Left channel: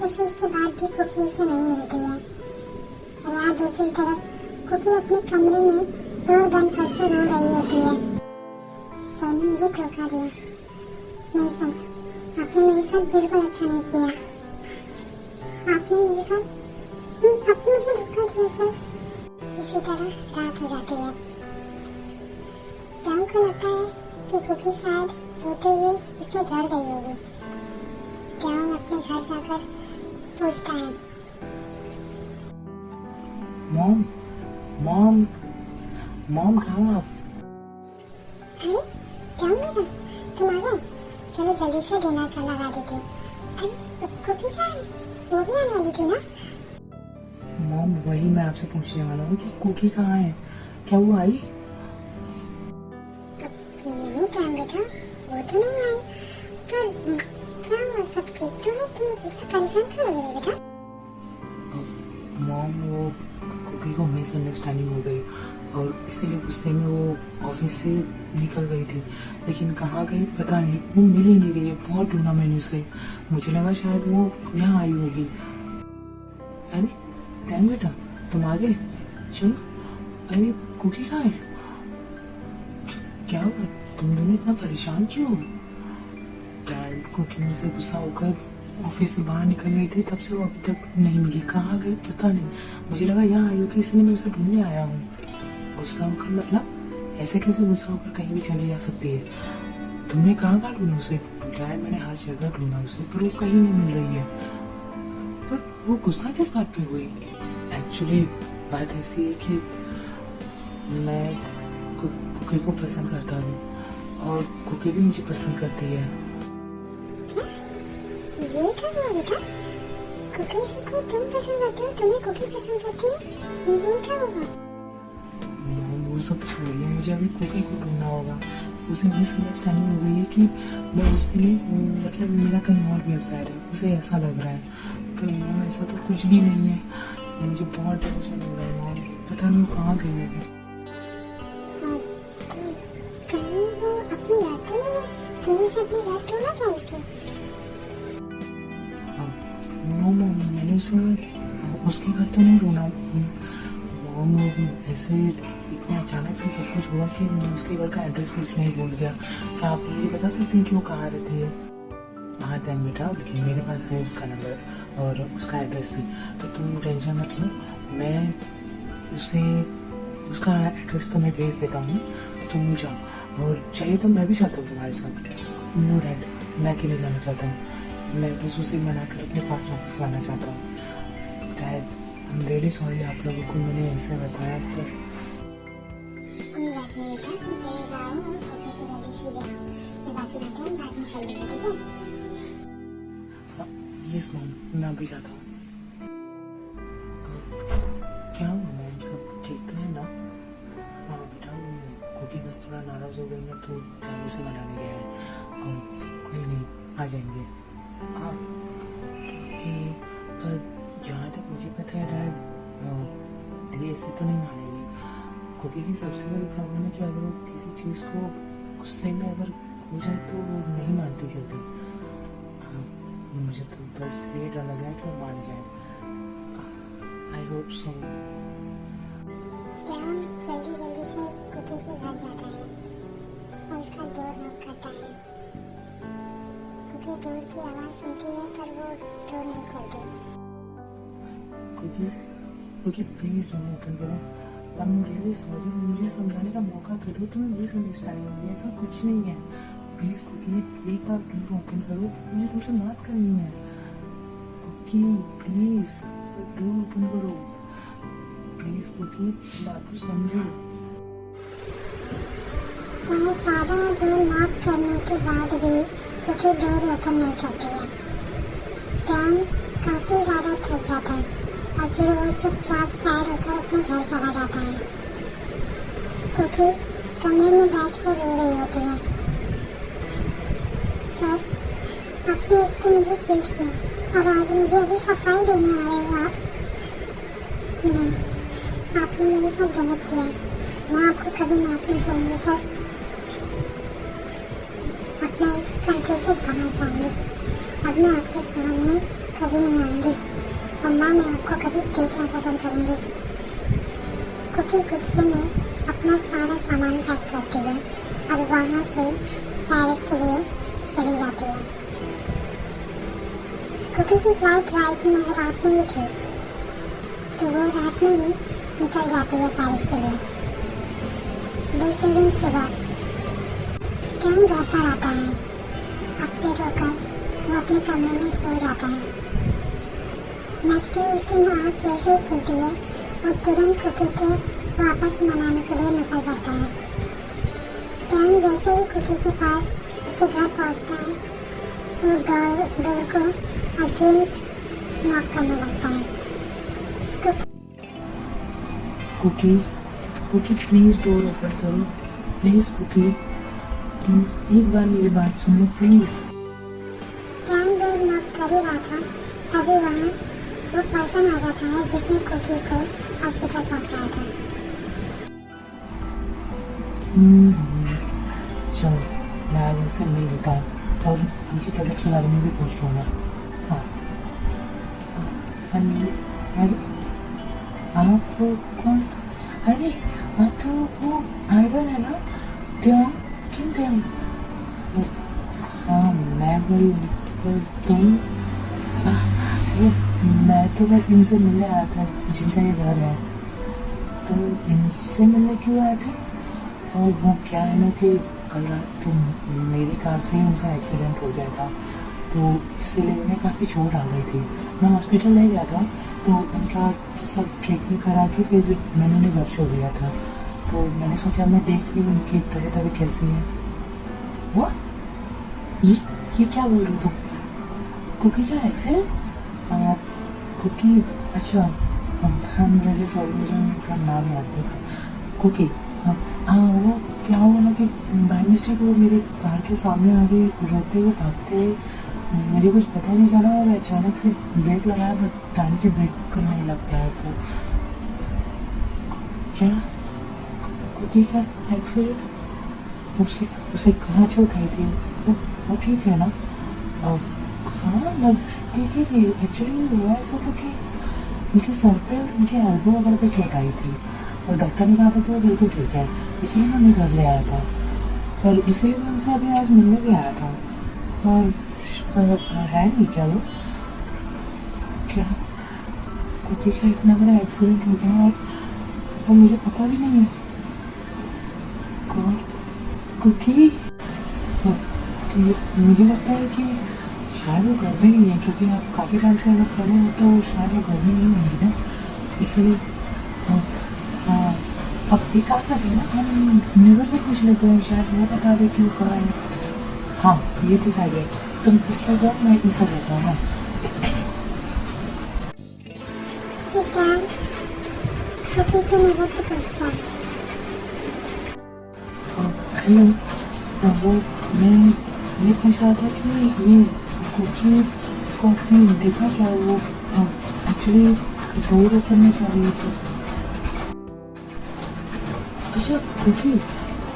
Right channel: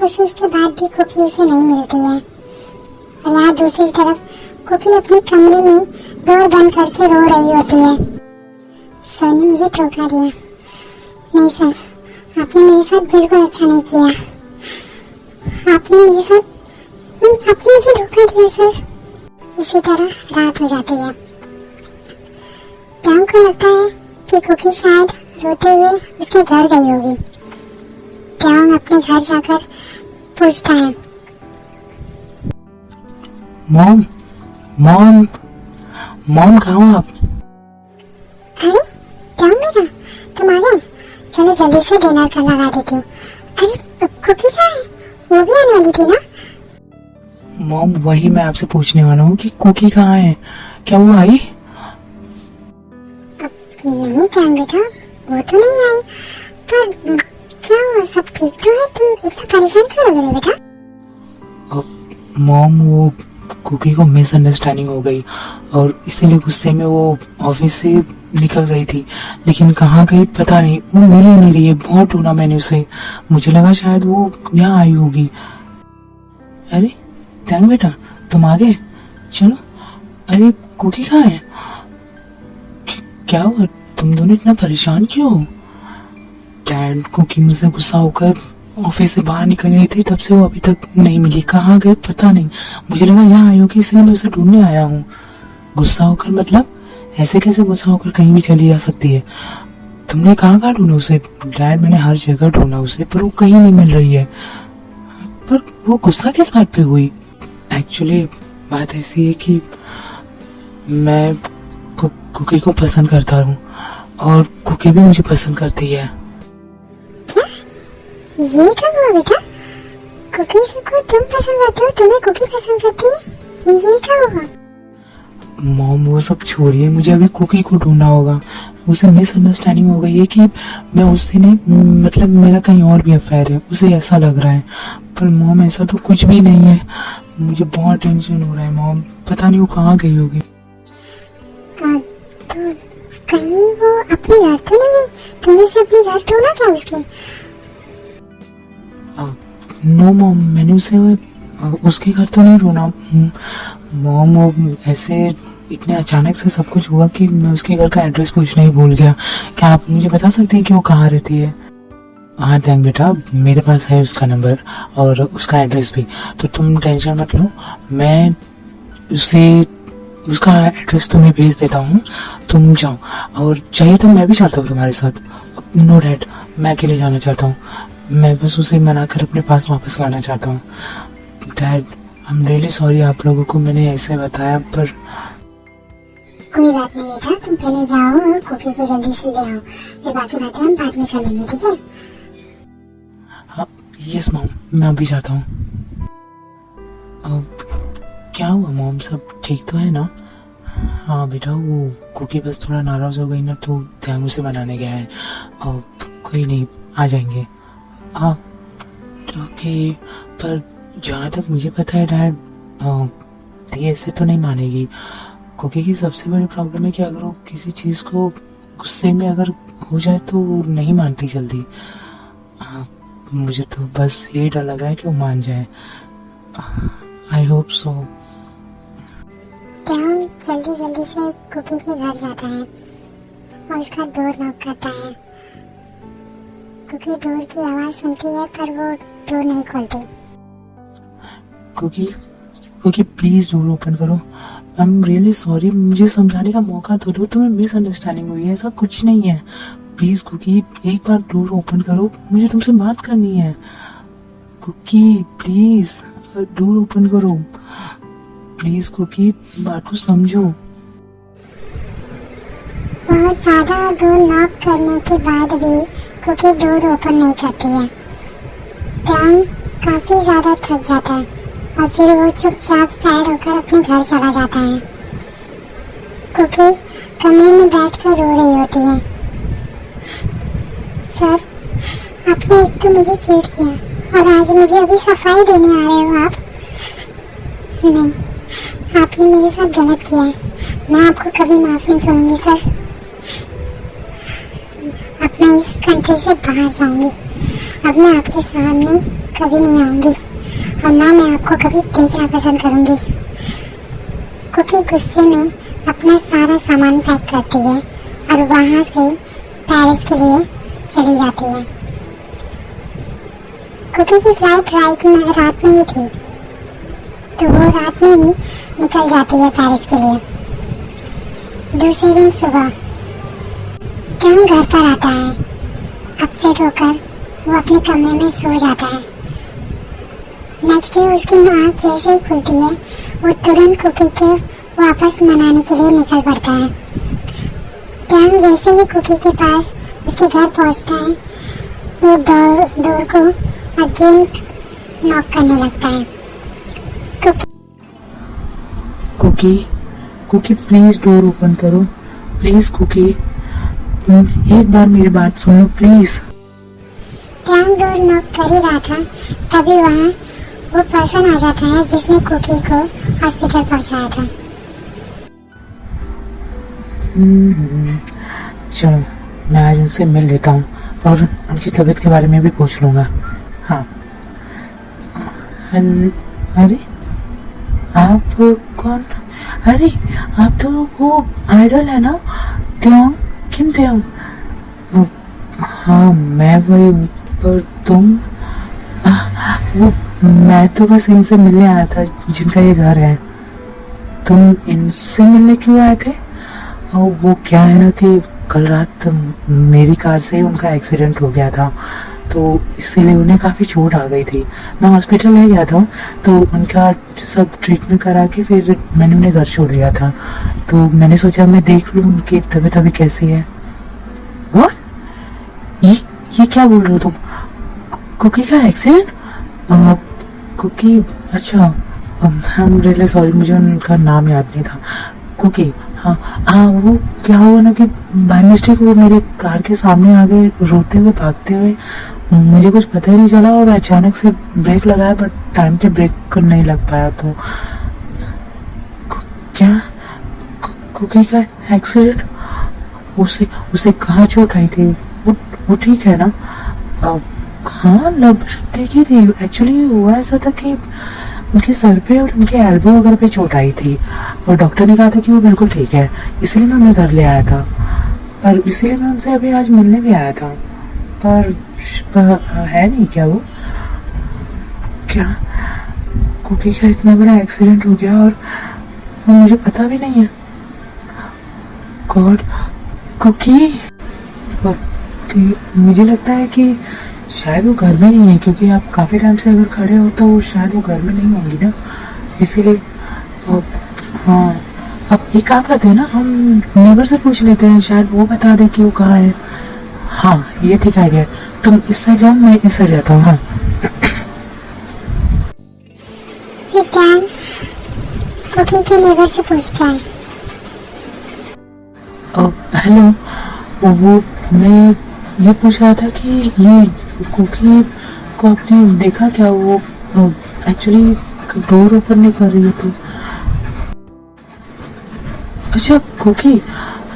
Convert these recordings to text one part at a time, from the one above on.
कोशिश के बाद भी कुकी उसे नहीं मिलती है। और यहाँ दूसरी तरफ कुकी अपने कमरे में डोर बंद करके रो रही होती है। सर ने मुझे धोखा दिया। नहीं सर, आपने मेरे साथ बिल्कुल अच्छा नहीं किया। आपने मुझे धोखा दिया सर। इसी तरह रात हो जाती है। टॉम को लगता है कि कुकी शायद रोते हुए उसके घर गई होगी। टॉम अपने घर जाकर पूछता है, मॉम मॉम मॉम कहाँ हो आप? अरे टॉम बेटा, तुम आ गए। चलो जल्दी से डिनर का लगा देती हूँ। अरे कुकी कहाँ है? वो भी आने वाली थी ना? मॉम वही मैं आपसे पूछने वाला हूँ कि कुकी कहाँ है, क्या वो आई? नहीं टॉम बेटा, वो तो नहीं आई। पर क्या हुआ, सब ठीक तो है? तुम इतना परेशान क्यों लग रहे हो बेटा? मॉम वो कुकी को मिसअंडरस्टैंडिंग हो गई और इसीलिए गुस्से में वो ऑफिस से निकल गई थी, लेकिन कहाँ गई पता नहीं। वो मिल ही नहीं रही है, बहुत ढूंढा मैंने उसे। मुझे लगा शायद वो यहाँ आई होगी। अरे टैंग बेटा, तुम आ गए, चलो। अरे कुकी कहाँ है? क्या हुआ, तुम दोनों इतना परेशान क्यों हो? डैड कुकी मुझसे गुस्सा होकर ऑफिस से बाहर निकल गई थी, तब से वो अभी तक नहीं मिली। कहाँ गए पता नहीं। मुझे लगा यहाँ आई होगी, इसलिए मैं उसे ढूंढने आया हूँ। गुस्सा होकर मतलब? ऐसे कैसे गुस्सा होकर कहीं भी चली जा सकती है? तुमने कहाँ कहाँ ढूंढा उसे? डैड मैंने हर जगह ढूंढा उसे, पर वो कहीं नहीं मिल रही है। पर वो गुस्सा किस बात पे हुई? एक्चुअली बात ऐसी है कि मैं कुकी को पसंद करता हूँ और कुकी भी मुझे पसंद करती है। क्या? ये कब हुआ बेटा? कुकी को तुम पसंद करते हो, तुम्हें कुकी पसंद करती है? ये कब हुआ? मॉम वो सब छोड़िए, मुझे अभी कुकी को ढूंढना होगा। उसे मिसअंडरस्टैंडिंग हो गई है कि मैं उससे नहीं, मतलब मेरा कहीं और भी अफेयर है, उसे ऐसा लग रहा है। पर मॉम ऐसा तो कुछ भी नहीं है। मुझे बहुत टेंशन हो रहा है मॉम, पता नहीं वो कहाँ गई होगी। तो कहीं वो अपने घर तो नहीं गई? तुमने उसे अपने घर ढूंढा क्या उसके? नो मॉम, मैंने उसे उसके घर तो नहीं ढूंढा मॉम। वो ऐसे इतने अचानक से सब कुछ हुआ कि मैं उसके घर का एड्रेस पूछना ही भूल गया। क्या आप मुझे बता सकती हैं कि वो कहाँ रहती है? हाँ थैंक बेटा, मेरे पास है उसका नंबर और उसका एड्रेस भी, तो तुम टेंशन मत लो। मैं उसे उसका एड्रेस तुम्हें भेज देता हूँ, तुम जाओ। और चाहिए तो मैं भी चाहता हूँ तुम्हारे साथ। नो डैड, मैं अकेले जाना चाहता हूँ। मैं बस उसे मनाकर अपने पास वापस लाना चाहता हूँ। Dad I am really sorry, आप लोगों को मैंने ऐसे बताया, पर कोई बात नहीं बेटा, तुम पहले जाओ और कुकी को जल्दी से ले आओ। ये बाकी बातें हम बाद में कर लेंगे, ठीक है? हाँ यस मॉम, मैं अभी जाता हूँ। क्या हुआ मॉम, सब ठीक तो है ना? हाँ बेटा, वो कुकी बस थोड़ा नाराज हो गई ना, तो ध्यान से बनाने गया है। और कोई नहीं, आ जाएंगे आप। ओके, पर जहाँ तक मुझे पता है डैड, ये ऐसे तो नहीं मानेगी। कुकी की सबसे बड़ी प्रॉब्लम है कि अगर वो किसी चीज़ को गुस्से में अगर हो जाए तो वो नहीं मानती जल्दी। मुझे तो बस यही डर लग रहा है कि वो मान जाए। I hope so. टॉम जल्दी जल्दी से कुकी के घर जाता है और उसका डोर नॉक करता है। कुकी डोर की आवाज सुनती है पर वो डोर नहीं खोलती। कुकी प्लीज डोर ओपन करो। आई एम रियली सॉरी, मुझे समझाने का मौका तो दो। तुम्हें मिसअंडरस्टैंडिंग हुई है, ऐसा कुछ नहीं है। प्लीज कुकी एक बार डोर ओपन करो, मुझे तुमसे बात करनी है। कुकी प्लीज डोर ओपन करो, प्लीज कुकी, बात को समझो। बहुत ज्यादा डोर नॉक करने के बाद भी कुकी डोर ओपन नहीं करती है। टॉम काफी ज्यादा थक जाता है और फिर वो चुपचाप सैड होकर अपने घर चला जाता है। कुकी कमरे में बैठकर रो रही होती है। सर, आपने एक तो मुझे चीट किया और आज मुझे अभी सफाई देने आ रहे हो आप? नहीं, आपने मेरे साथ गलत किया है। मैं आपको कभी माफ नहीं करूंगी सर। अब मैं इस कंट्री से बाहर जाऊंगी अब मैं आपके सामने कभी नहीं आऊंगी और ना मैं आपको कभी देखना पसंद करूंगी। कुकी गुस्से में अपना सारा सामान पैक करती है और वहां से पेरिस के लिए चली जाती है। कुकी की फ्लाइट रात में ही थी, तो वो रात में ही निकल जाती है पेरिस के लिए। दूसरे दिन सुबह टॉम घर पर आता है। अपसेट होकर वो अपने कमरे में सो जाता है। नेक्स्ट डे उसकी आँख जैसे ही खुलती है, वो तुरंत कुकी को वापस मनाने के लिए निकल पड़ता है। टॉम जैसे ही कुकी के पास उसके घर पहुंचता है, वो डोर को अगेन नॉक करने लगता है। Cookie, Cookie please door open करो, प्लीज कुकी, एक बार मेरी बात सुनो प्लीज। टॉम डोर नॉक कर ही रहा था, तभी वहाँ वो पर्सन आ जाता है जिसने कुकी को हॉस्पिटल पहुंचाया था। चलो मैं आज उनसे मिल लेता हूँ और उनकी तबीयत के बारे में भी पूछ लूँगा। हाँ, अरे आप कौन? अरे आप तो वो आइडल है ना, त्योंग, किम त्योंग? हाँ मैं वही हूँ, पर तुम? वो मैं तो बस इनसे मिलने आया था जिनका ये घर है। तुम इनसे मिलने क्यों आए थे? और वो क्या है ना कि कल रात मेरी कार से उनका एक्सीडेंट हो गया था, तो इसीलिए उन्हें काफ़ी चोट आ गई थी। मैं हॉस्पिटल ले गया था, तो उनका सब ट्रीटमेंट करा के फिर मैंने उन्हें घर छोड़ दिया था। तो मैंने सोचा मैं देख लूँ उनकी तबीयत अभी कैसी है। What? ये क्या बोल रहे हो तुम? कुकी का एक्सीडेंट? कुकी, अच्छा, आई एम रियली सॉरी, मुझे उनका नाम याद नहीं था। कुकी, हाँ हाँ, वो क्या हुआ ना कि बाय मिस्टेक वो मेरे कार के सामने आ गए रोते हुए, भागते हुए। मुझे कुछ पता ही नहीं चला और अचानक से ब्रेक लगाया, बट टाइम पे ब्रेक नहीं लग पाया। तो क्या कुकी का एक्सीडेंट? उसे कहाँ चोट आई थी? वो ठीक है ना? हाँ लग ठीक ही थी। एक्चुअली हुआ ऐसा था कि उनके सर पे और उनके एल्बो वगैरह पे चोट आई थी और डॉक्टर ने कहा था कि वो बिल्कुल ठीक है, इसलिए मैं उन्हें घर ले आया था। पर इसीलिए मैं उनसे अभी आज मिलने भी आया था, पर है नहीं क्या वो? क्या कुकी का इतना बड़ा एक्सीडेंट हो गया और मुझे पता भी नहीं है? गॉड, कुकी, मुझे लगता है कि शायद वो घर में नहीं है, क्योंकि आप काफ़ी टाइम से अगर खड़े हो तो शायद वो घर में नहीं होंगी ना, इसीलिए। हाँ, अब एक काम करते हैं ना, हम नेबर से पूछ लेते हैं, शायद वो बता दे कि वो कहाँ है। हाँ ये ठीक आइडिया है, तुम इस साइड जाओ, मैं इस साइड जाता हूँ। हाँ कुकी के नेबर से पूछता है। हेलो, वो मैं ये पूछ रहा था कि ये कुकी को आपने देखा क्या? वो एक्चुअली डोर ओपन नहीं कर रही है तो। अच्छा कुकी,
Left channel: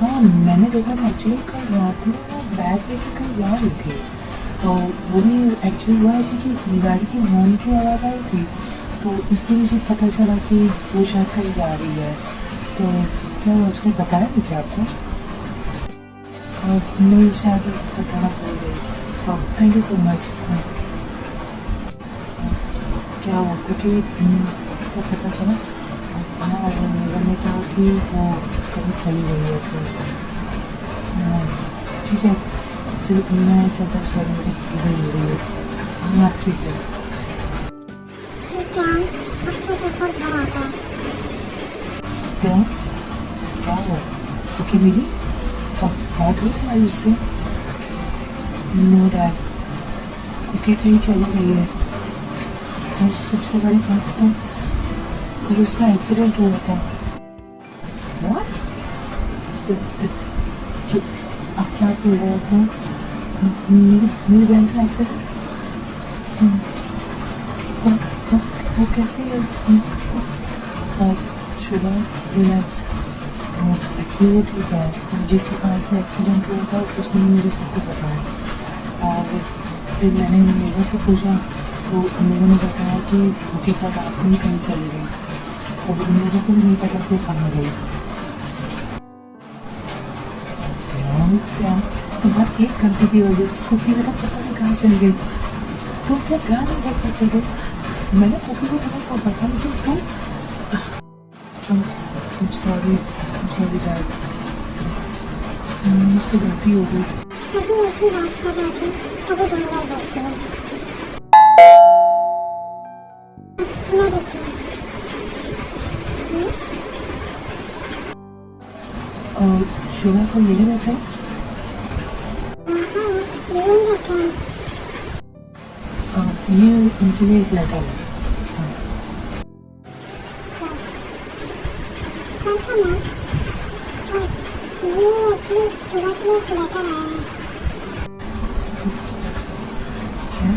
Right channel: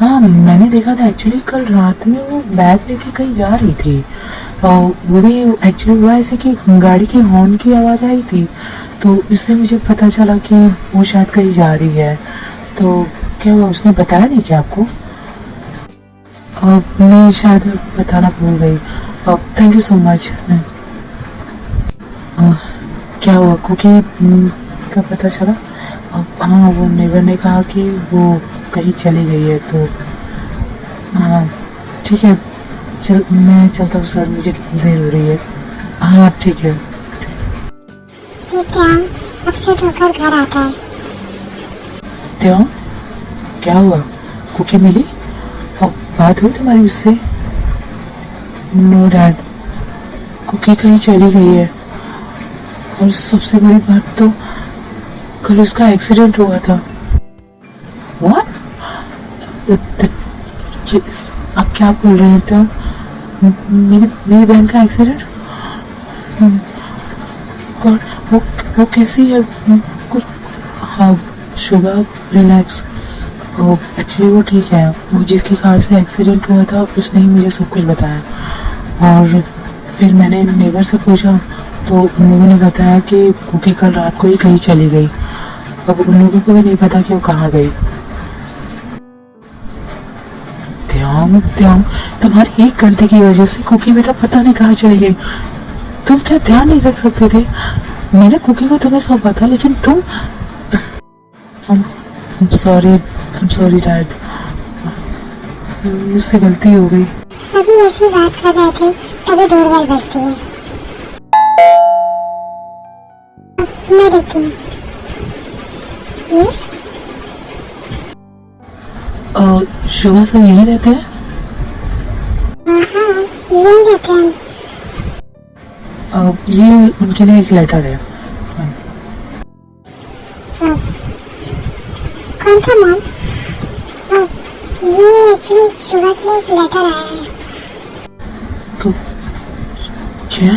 हाँ मैंने देखा था। एक्चुअली कल रात में वो बैग लेके कहीं जा रही थी और वो भी एक्चुअली हुआ ऐसे कि गाड़ी की हॉर्न की आवाज़ आई थी, तो इससे मुझे पता चला कि वो शायद कहीं जा रही है। तो क्या वो उसने बताया नहीं क्या आपको? मैं शायद बताना भूल गई। Thank you so much. क्या हुआ, कुकी का पता चला? हाँ वो नेबर ने कहा कि वो कहीं चली गई है, तो हाँ ठीक है, मैं चलता हूँ सर, मुझे देर हो रही है। हाँ ठीक है। अपसेट होकर घर आता है। त्यों, क्या हुआ? कुकी मिली? बात हुई तुम्हारी उससे? नो डैड, कुकी कहीं चली गई है और सबसे बड़ी बात तो कल उसका एक्सीडेंट हुआ था। What? आप क्या बोल रहे थे? मेरी बहन का एक्सीडेंट? वो कैसी है? हाँ शुगर, रिलैक्स। एक्चुअली वो ठीक है। वो जिसकी कार से एक्सीडेंट हुआ था उसने ही मुझे सब कुछ बताया और फिर मैंने नेबर से पूछा तो उन लोगों ने बताया कि कुकी कल रात को ही कहीं चली गई। अब उन लोगों को भी नहीं पता कि वो कहाँ गई। त्याग त्याग, तुम्हारी एक गलती की वजह से कुकी बेटा पता नहीं कहाँ चली गई। तुम क्या ध्यान नहीं रख सकते थे? मैंने कुकी को तुम्हें सौंपा था, लेकिन तुम I'm sorry डैड, मुझसे गलती हो गई। सभी ऐसी बात कर रहे थे तभी डोरबेल बजती है। मैं देखती हूँ। यस, शुगा सब यहीं रहते हैं? हाँ, यहीं रहते हैं। ये उनके लिए एक लेटर है। कौन सा मॉम? ये एक्चुअली शुगर के लिए एक लेटर आया है। क्या?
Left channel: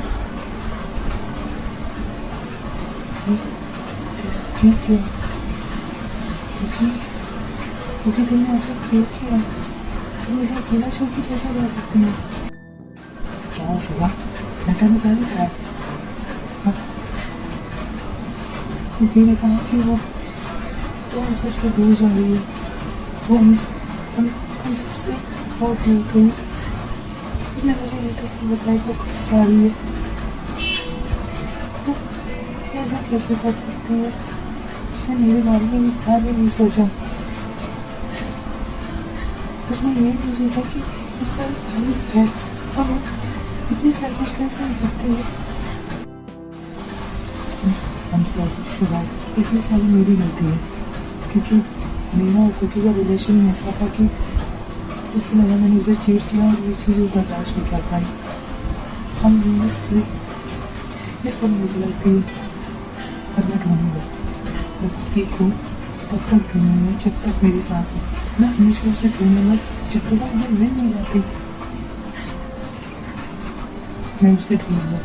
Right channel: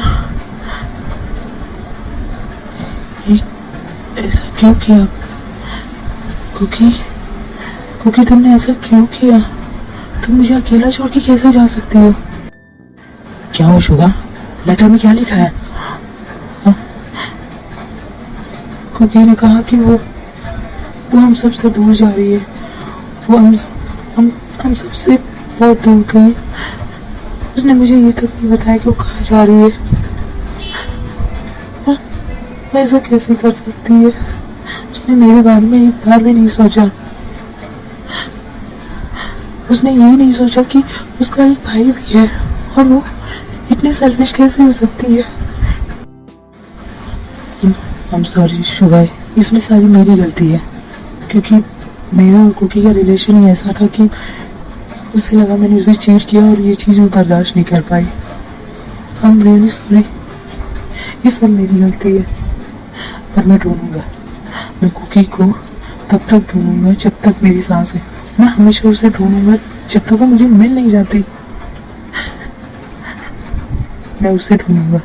ये ऐसा क्यों किया? कुकी तुमने ऐसा क्यों किया? तुम मुझे अकेला छोड़ के कैसे जा सकती हो? क्या हो शुगा? लेटर में क्या लिखा है? कुकी ने कहा कि वो हम सबसे दूर जा रही है। वो हम सबसे बहुत दूर गई। उसने मुझे ये तक नहीं बताया कि वो कहाँ जा रही है। और ऐसा कैसे कर सकती है? उसने मेरे बारे में एक बार भी नहीं सोचा। उसने ये नहीं सोचा कि उसका एक भाई भी है और वो इतनी सेल्फिश कैसे हो सकती है। I'm sorry शुगा, इसमें सारी मेरी गलती है, क्योंकि मेरा और कुकी का रिलेशन ही ऐसा था कि उससे लगा मैंने उसे चीट किया और ये चीज़ वो बर्दाश्त नहीं कर पाई। I'm really sorry, ये सब मेरी गलती है। पर मैं ढूंढूंगा, मैं कुकी को तब तक ढूंढूंगा जब तक मेरी सांस है। मैं हमेशा उसे ढूंढूंगा जब तक वो मुझे मिल नहीं जाती। मैं उसे ढूंढूंगा।